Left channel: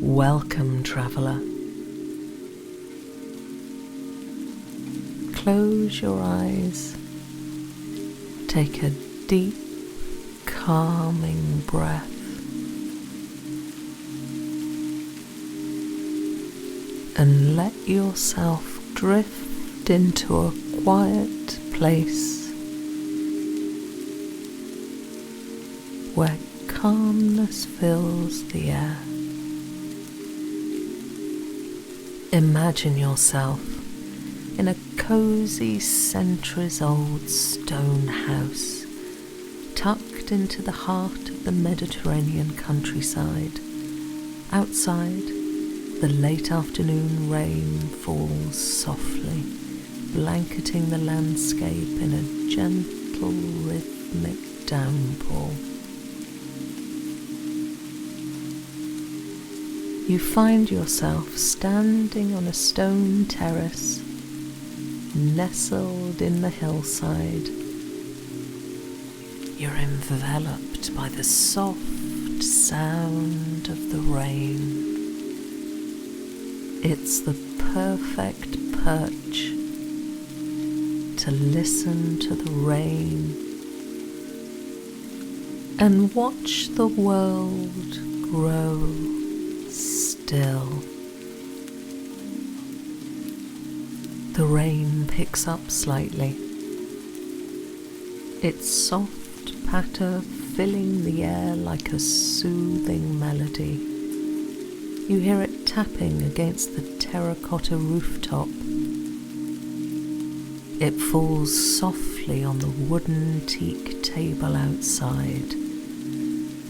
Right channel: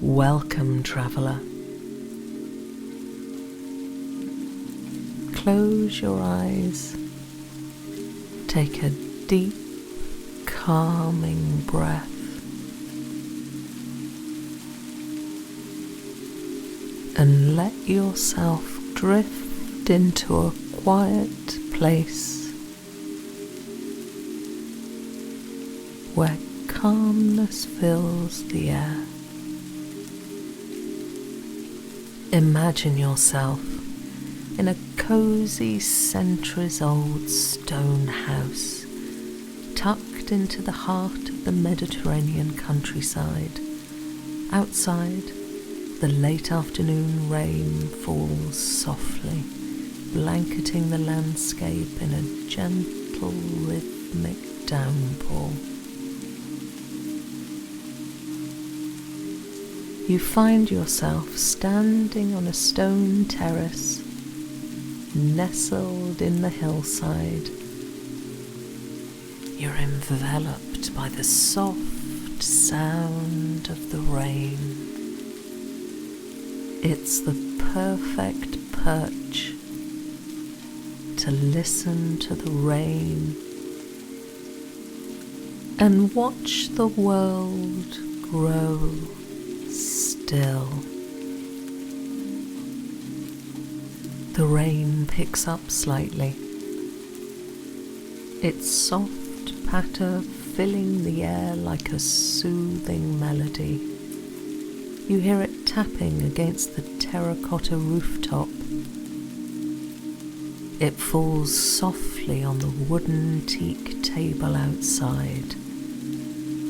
Welcome, traveller. Close your eyes. Take a deep, calming breath. And let yourself drift into a quiet place where calmness fills the air. Imagine yourself in a cosy centuries-old stone house tucked into the heart of the Mediterranean countryside. Outside, the late afternoon rain falls softly, blanketing the landscape in a gentle, rhythmic downpour. You find yourself standing on a stone terrace, nestled in the hillside. You're enveloped by the soft sound of the rain. It's the perfect perch to listen to the rain and watch the world grow still. The rain picks up slightly, its soft patter filling the air like a soothing melody. You hear it tapping against the terracotta rooftop. It falls softly on the wooden teak table outside,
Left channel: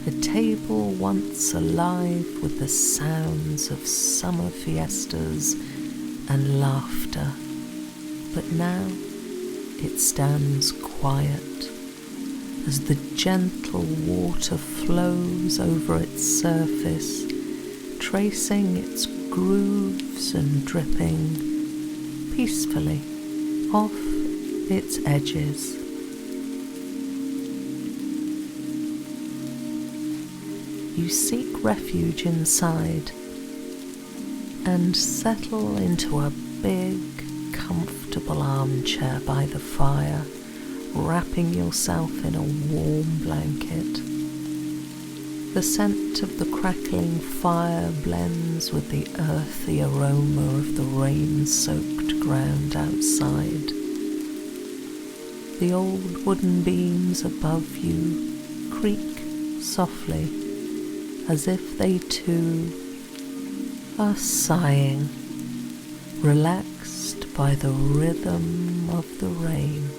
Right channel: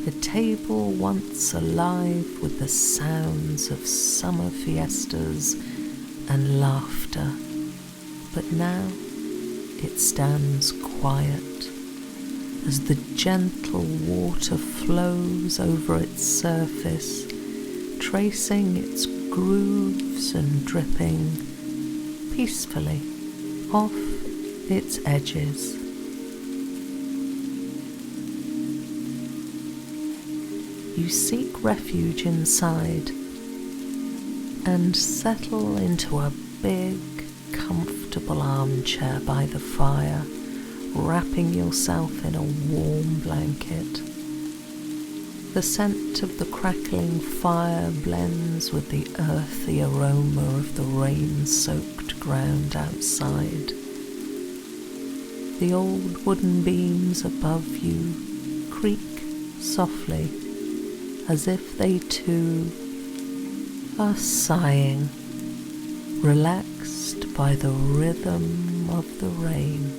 a table once alive with the sounds of summer fiestas and laughter, but now it stands quiet as the gentle water flows over its surface, tracing its grooves and dripping peacefully off its edges. You seek refuge inside and settle into a big, comfortable armchair by the fire, wrapping yourself in a warm blanket. The scent of the crackling fire blends with the earthy aroma of the rain-soaked ground outside. The old wooden beams above you creak softly, as if they too are sighing, relaxed by the rhythm of the rain.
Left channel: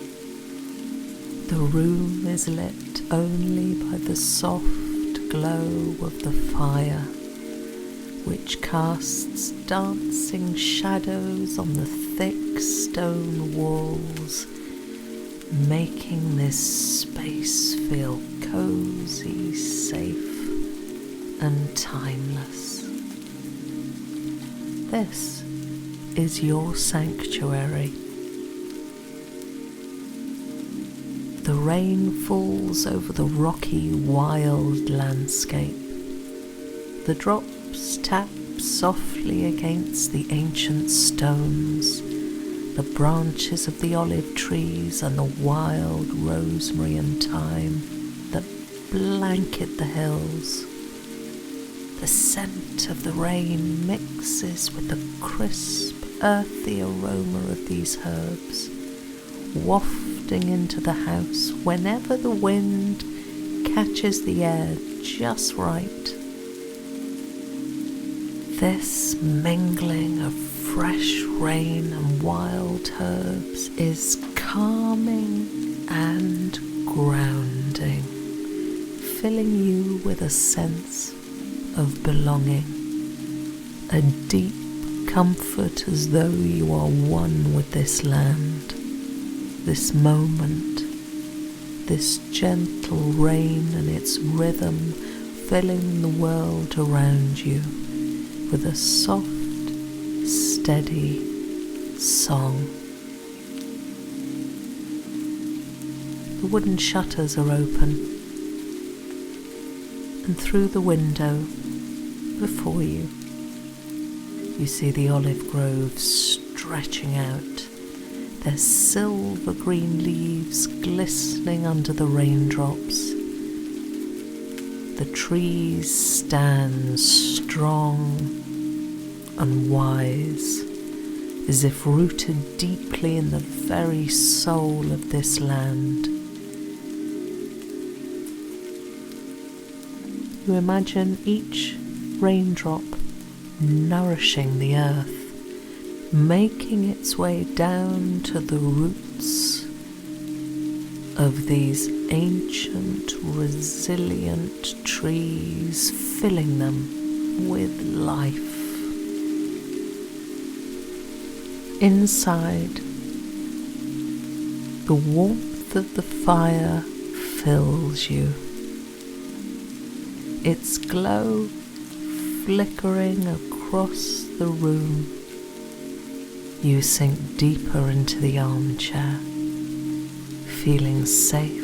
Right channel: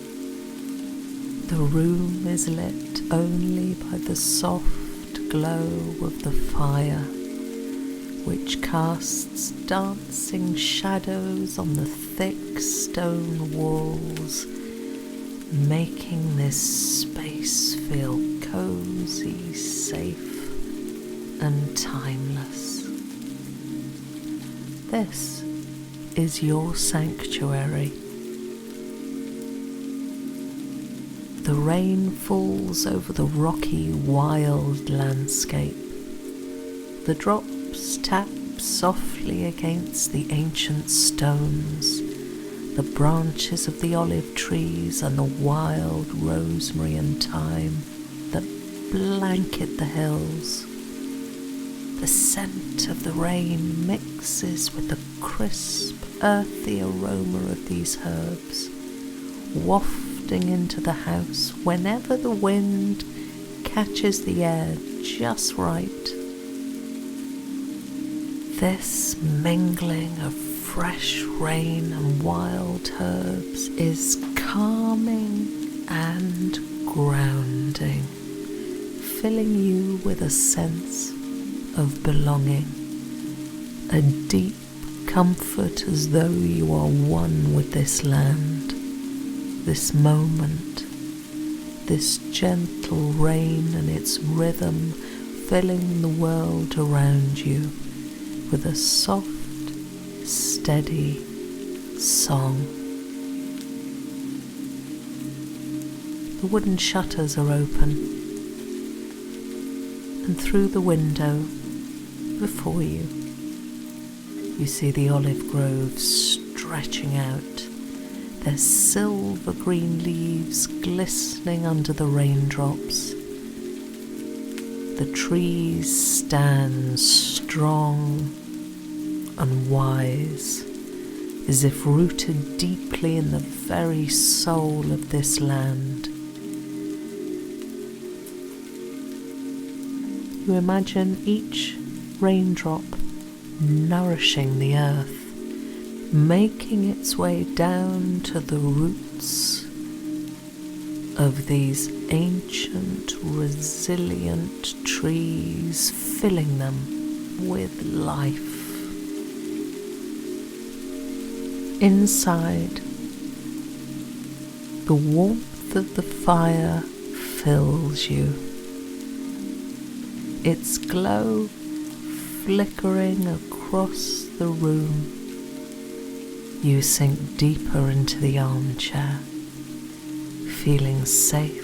The room is lit only by the soft glow of the fire, which casts dancing shadows on the thick stone walls, making this space feel cozy, safe, and timeless. This is your sanctuary. The rain falls over the rocky, wild landscape. The drops tap softly against the ancient stones, the branches of the olive trees and the wild rosemary and thyme that blanket the hills. The scent of the rain mixes with the crisp, earthy aroma of these herbs, wafting into the house whenever the wind catches the air just right. This mingling of fresh rain and wild herbs is calming and grounding, filling you with a sense of belonging, a deep comfort as though you are one with this land, this moment, this gentle rain and its rhythm filling the world around you with a soft, steady song. The wooden shutters are open, and through the window before you, You see the olive groves stretching out, their silver green leaves glistening under the raindrops. The trees stand strong and wise, as if rooted deeply in the very soul of this land. You imagine each raindrop nourishing the earth, making its way down to the roots of these ancient, resilient trees, filling them with life. Inside, the warmth of the fire fills you, its glow flickering across the room. You sink deeper into the armchair, feeling safe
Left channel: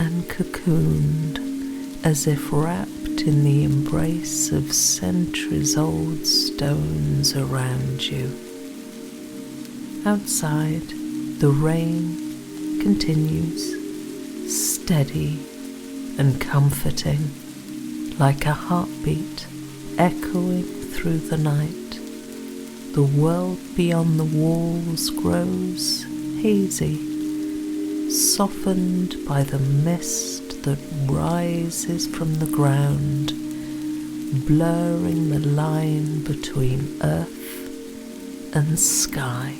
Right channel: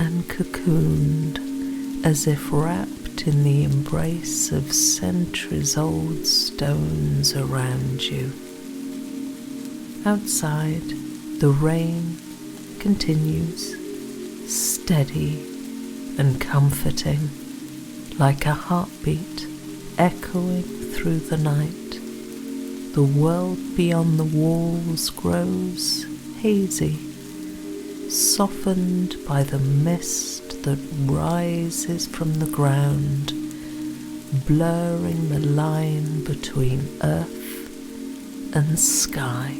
and cocooned, as if wrapped in the embrace of centuries-old stones around you. Outside, the rain continues, steady and comforting, like a heartbeat echoing through the night. The world beyond the walls grows hazy, softened by the mist that rises from the ground, blurring the line between earth and sky.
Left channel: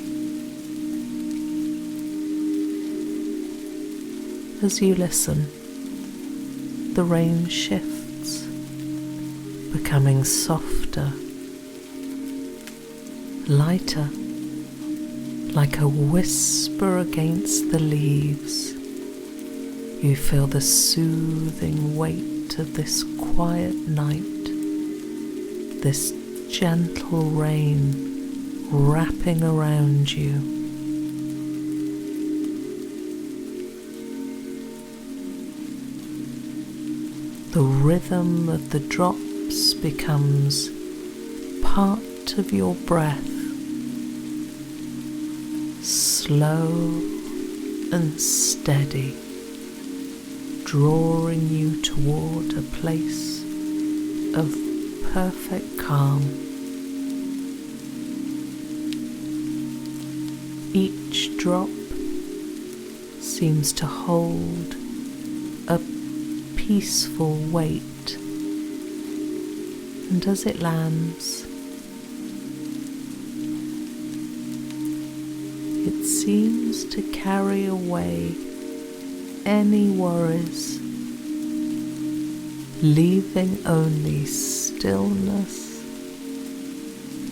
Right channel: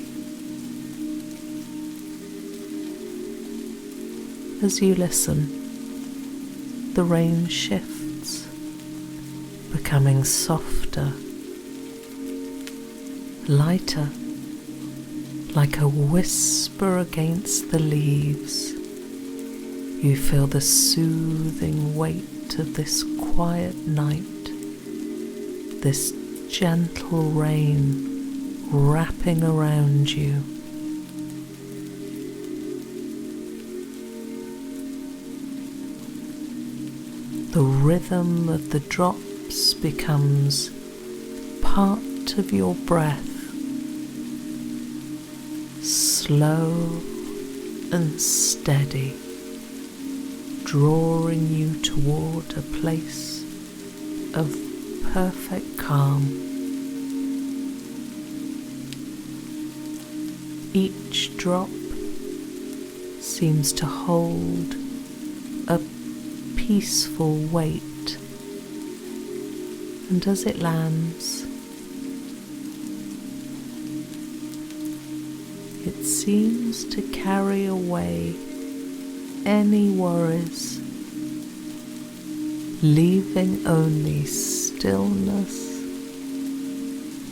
As you listen, the rain shifts, becoming softer, lighter, like a whisper against the leaves. You feel the soothing weight of this quiet night, this gentle rain wrapping around you. The rhythm of the drops becomes part of your breath, slow and steady, drawing you toward a place of perfect calm. Each drop seems to hold a peaceful weight, and as it lands, it seems to carry away any worries, leaving only stillness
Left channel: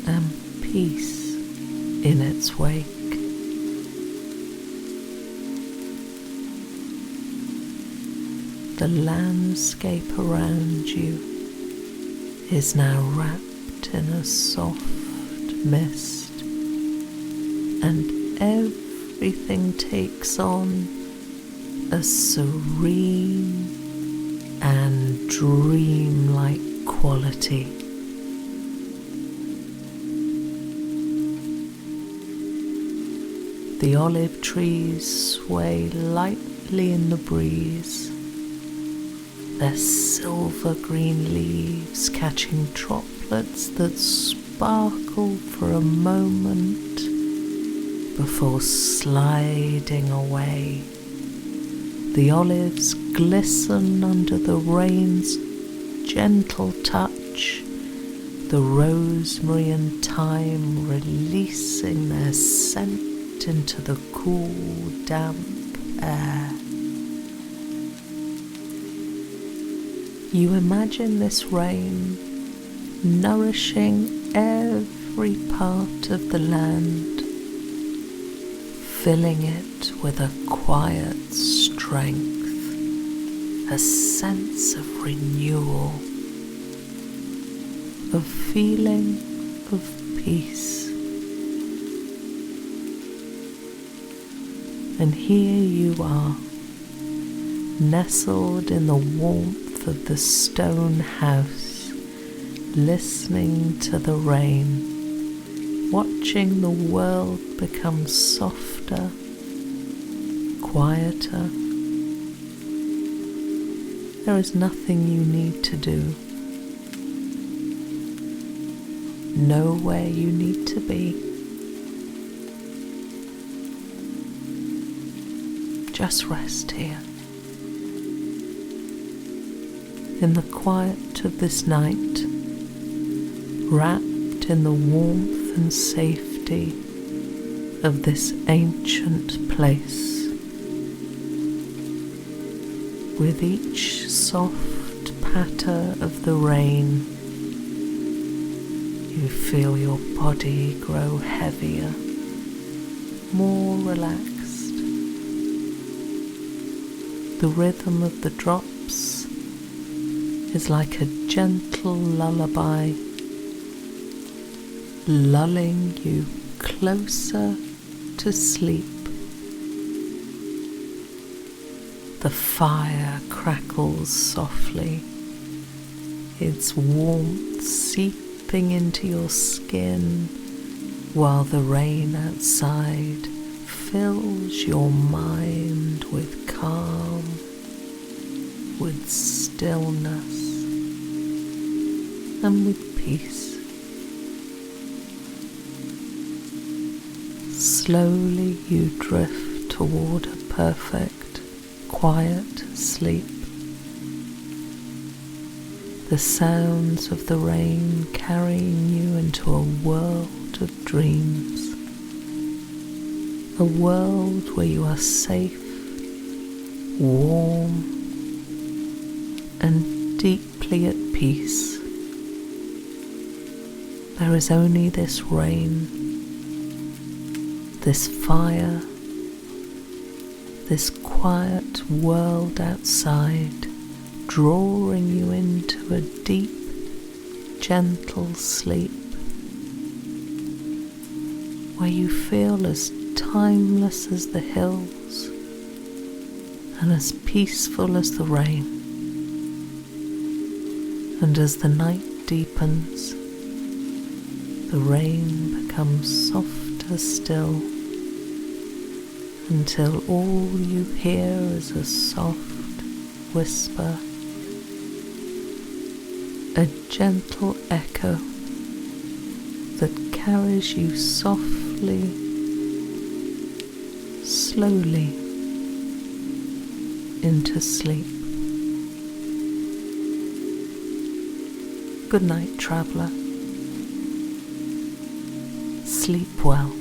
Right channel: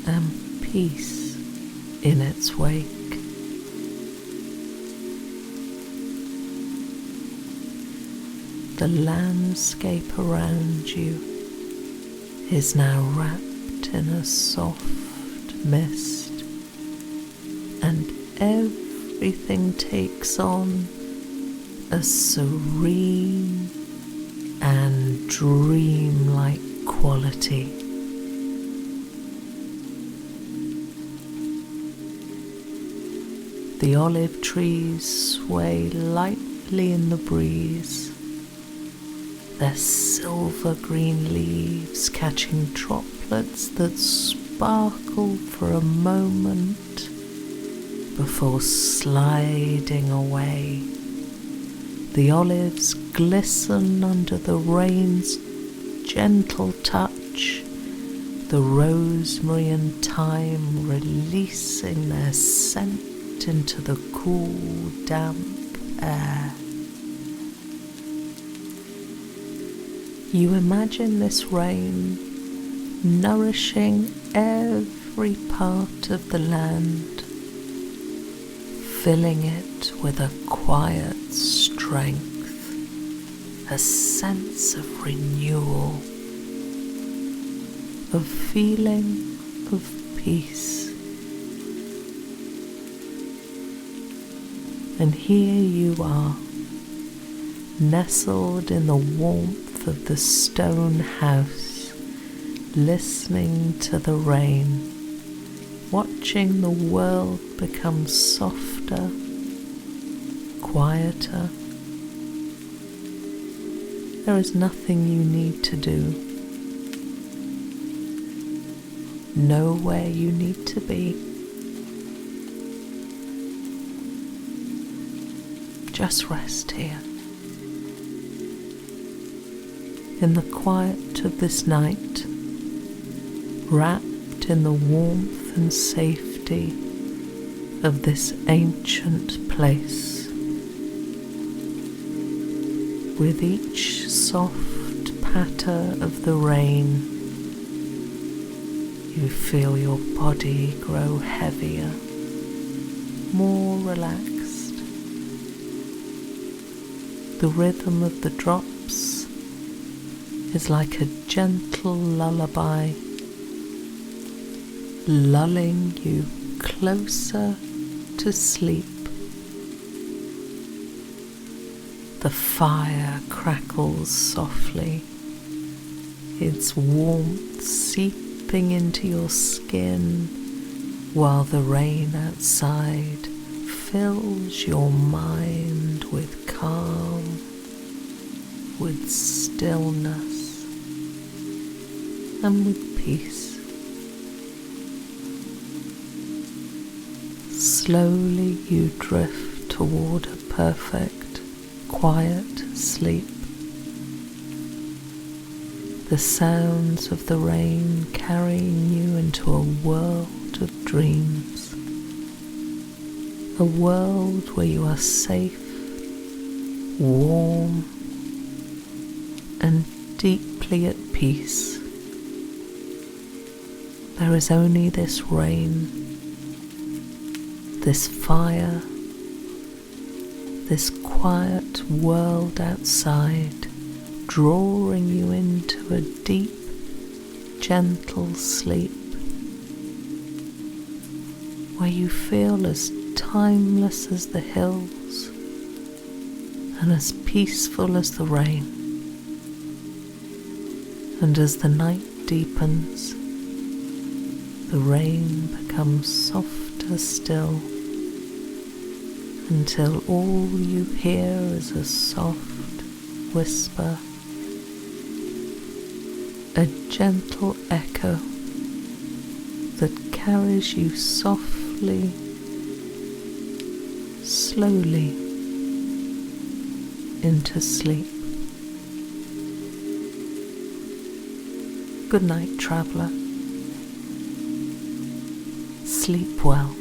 and peace in its wake. The landscape around you is now wrapped in a soft mist, and everything takes on a serene and dreamlike quality. The olive trees sway lightly in the breeze, their silver green leaves catching droplets that sparkle for a moment before sliding away. The olives glisten under the rain's gentle touch, the rosemary and thyme releasing their scent into the cool, damp air. You imagine this rain nourishing every part of the land, filling it with a quiet strength, a sense of renewal, of feeling of peace. And here you are, nestled in the warmth of the stone house, listening to the rain, watching the world become softer, quieter. There is nothing you need to do, nowhere you need to be. Just rest here, in the quiet of this night, wrapped in the warmth and safety of this ancient place. With each soft patter of the rain, you feel your body grow heavier, more relaxed. The rhythm of the drops is like a gentle lullaby, lulling you closer to sleep. The fire crackles softly, its warmth seeping into your skin, while the rain outside fills your mind with calm, with stillness, and with peace. Slowly you drift toward a perfect, quiet sleep. The sounds of the rain carrying you into a world of dreams. A world where you are safe, warm, and deeply at peace. There is only this rain, this fire, this quiet world outside, drawing you into a deep, gentle sleep, where you feel as timeless as the hills and as peaceful as the rain. And as the night deepens, the rain becomes softer still, until all you hear is a soft whisper, a gentle echo that carries you softly, slowly into sleep. Good night, traveller. Sleep well.